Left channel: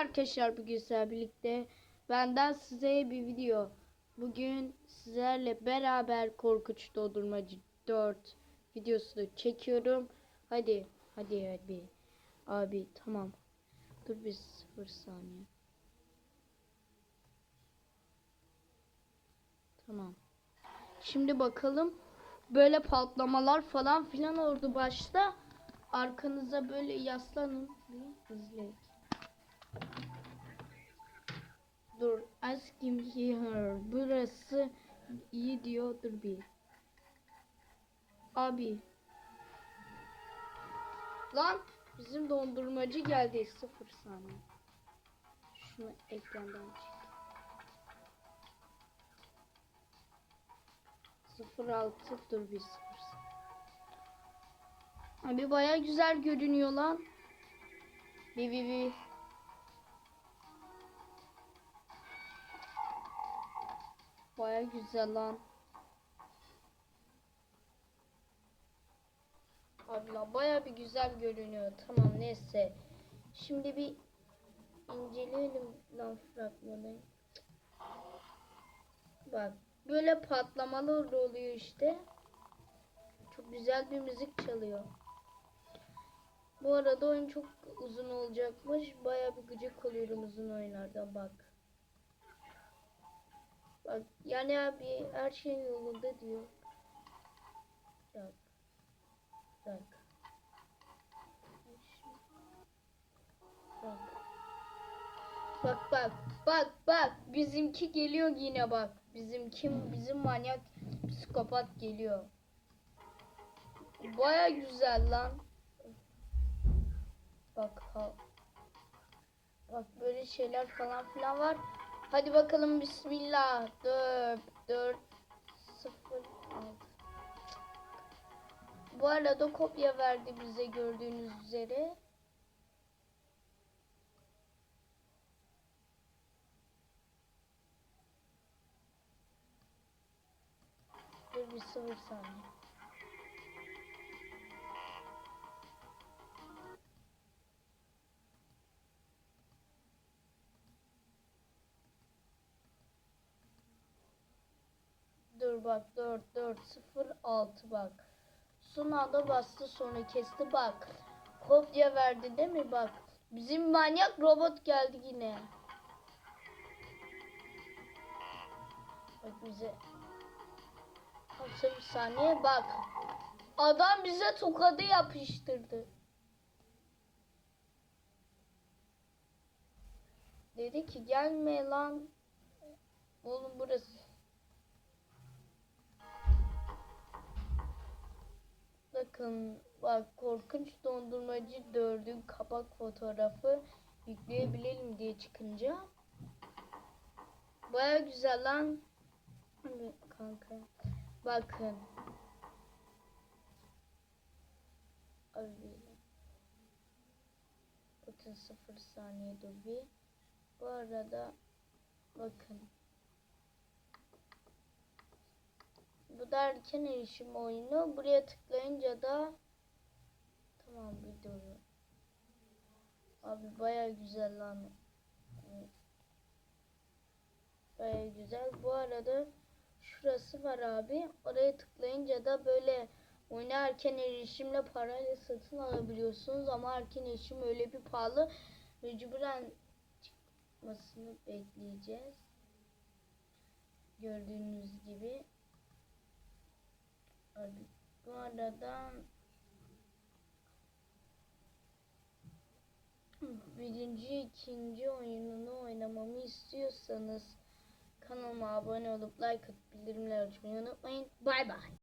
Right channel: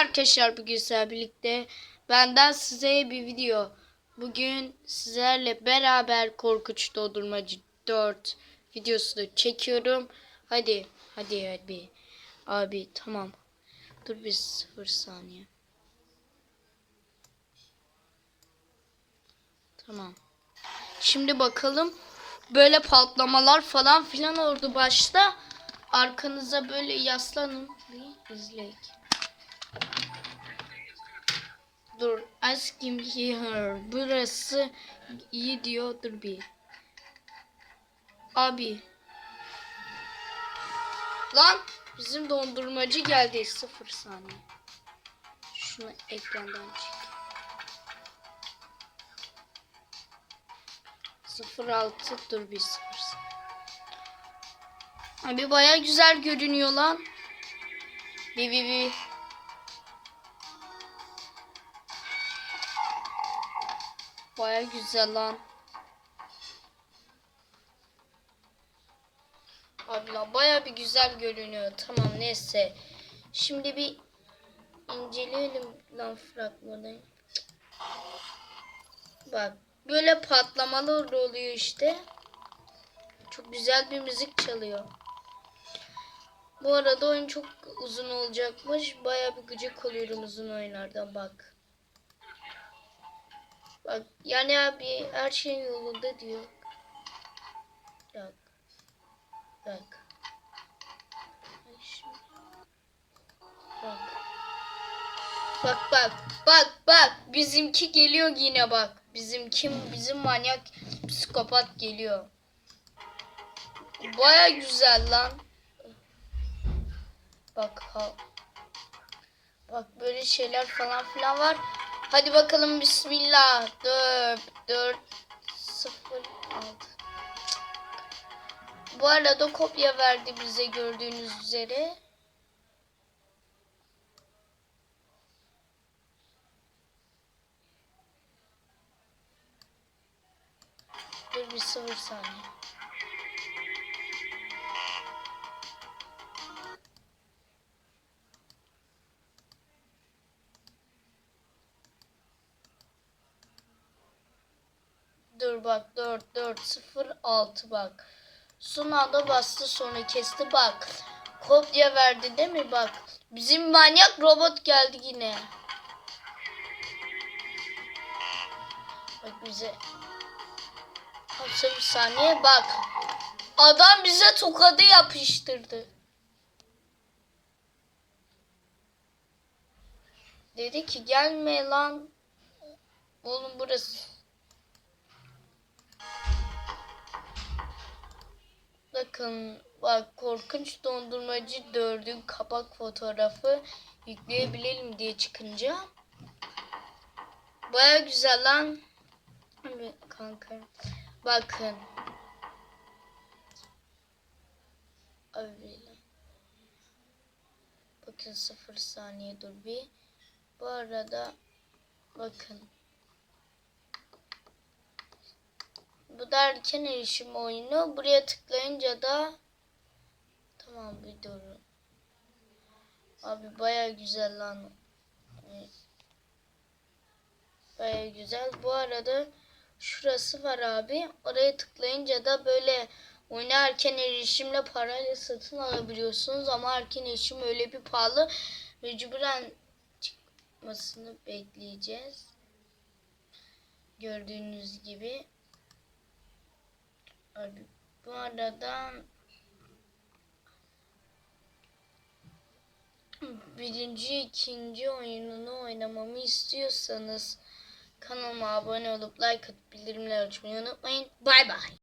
arkadaşlar bugün sizlerle birlikte benden size bir video. Bugün sizlerle beraber Korkunç Dondurmacı 4 videosunu çekiyorum. Hadi hadi hadi. Abi tamam. Dur bir sıfır saniye. Tamam. Şimdi bakalım. Böyle patlamalar falan filan oldu başta. Arkanıza böyle yaslanın. Bir izleyin. Asking here. Burası iyi diyor. Dur bir. Abi. Lan bizim dondurmacı geldi. Sıfır saniye. Şunu ekrandan çek. 06 dur bir sıfır saniye. Abi baya güzel görünüyor lan. Bir bir bir. Baya güzel lan. Abi lan baya bir güzel görünüyor. Tamam neyse. Şimdi bir inceleyelim lan fragmanı. Bak böyle patlamalar oluyor işte. Çok güzel bir müzik çalıyor. Bu arada oyun çok uzun olacakmış. Baya bir gıcık oluyorum uzun oyunlardan bak. Bak yani abi her şey yolunda diyor. Bak. Bak. Bak. Bak bak bak bak bizimki geliyor yine bak. Bizimki bizim manyak psikopat geliyor. Baya güzel lan. Bak ha. Bak böyle şeyler falan filan var. Hadi bakalım bismillah. 4 4 0 6. Bu arada kopya verdi bize gördüğünüz üzere. Dur bir sıfır saniye. Dur bak 4 4 0 6 bak. Son bastı sonra kesti bak. Kopya verdi değil mi bak. Bizim manyak robot geldi yine. Bak bize. Hapsa bir saniye bak. Adam bize tokadı yapıştırdı. Dedi ki gelme lan. Oğlum burası. Bakın bak korkunç dondurmacı dördün kapak fotoğrafı yükleyebilelim diye çıkınca. Baya güzel lan. Kanka. Bakın. Abi. Bakın sıfır saniye dur bir. Bu arada bakın. Bu da erken erişim oyunu. Buraya tıklayınca da tamam bir durun. Abi baya güzel lan. Baya güzel. Bu arada şurası var abi. Oraya tıklayınca da böyle oyuna erken erişimle parayla satın alabiliyorsunuz. Ama erken erişim öyle bir pahalı. Mecburen çıkmasını bekleyeceğiz. Gördüğünüz gibi. Bu arada birinci, ikinci oyununu oynamamı istiyorsanız kanalıma abone olup like atıp bildirimleri açmayı unutmayın. Bay bay.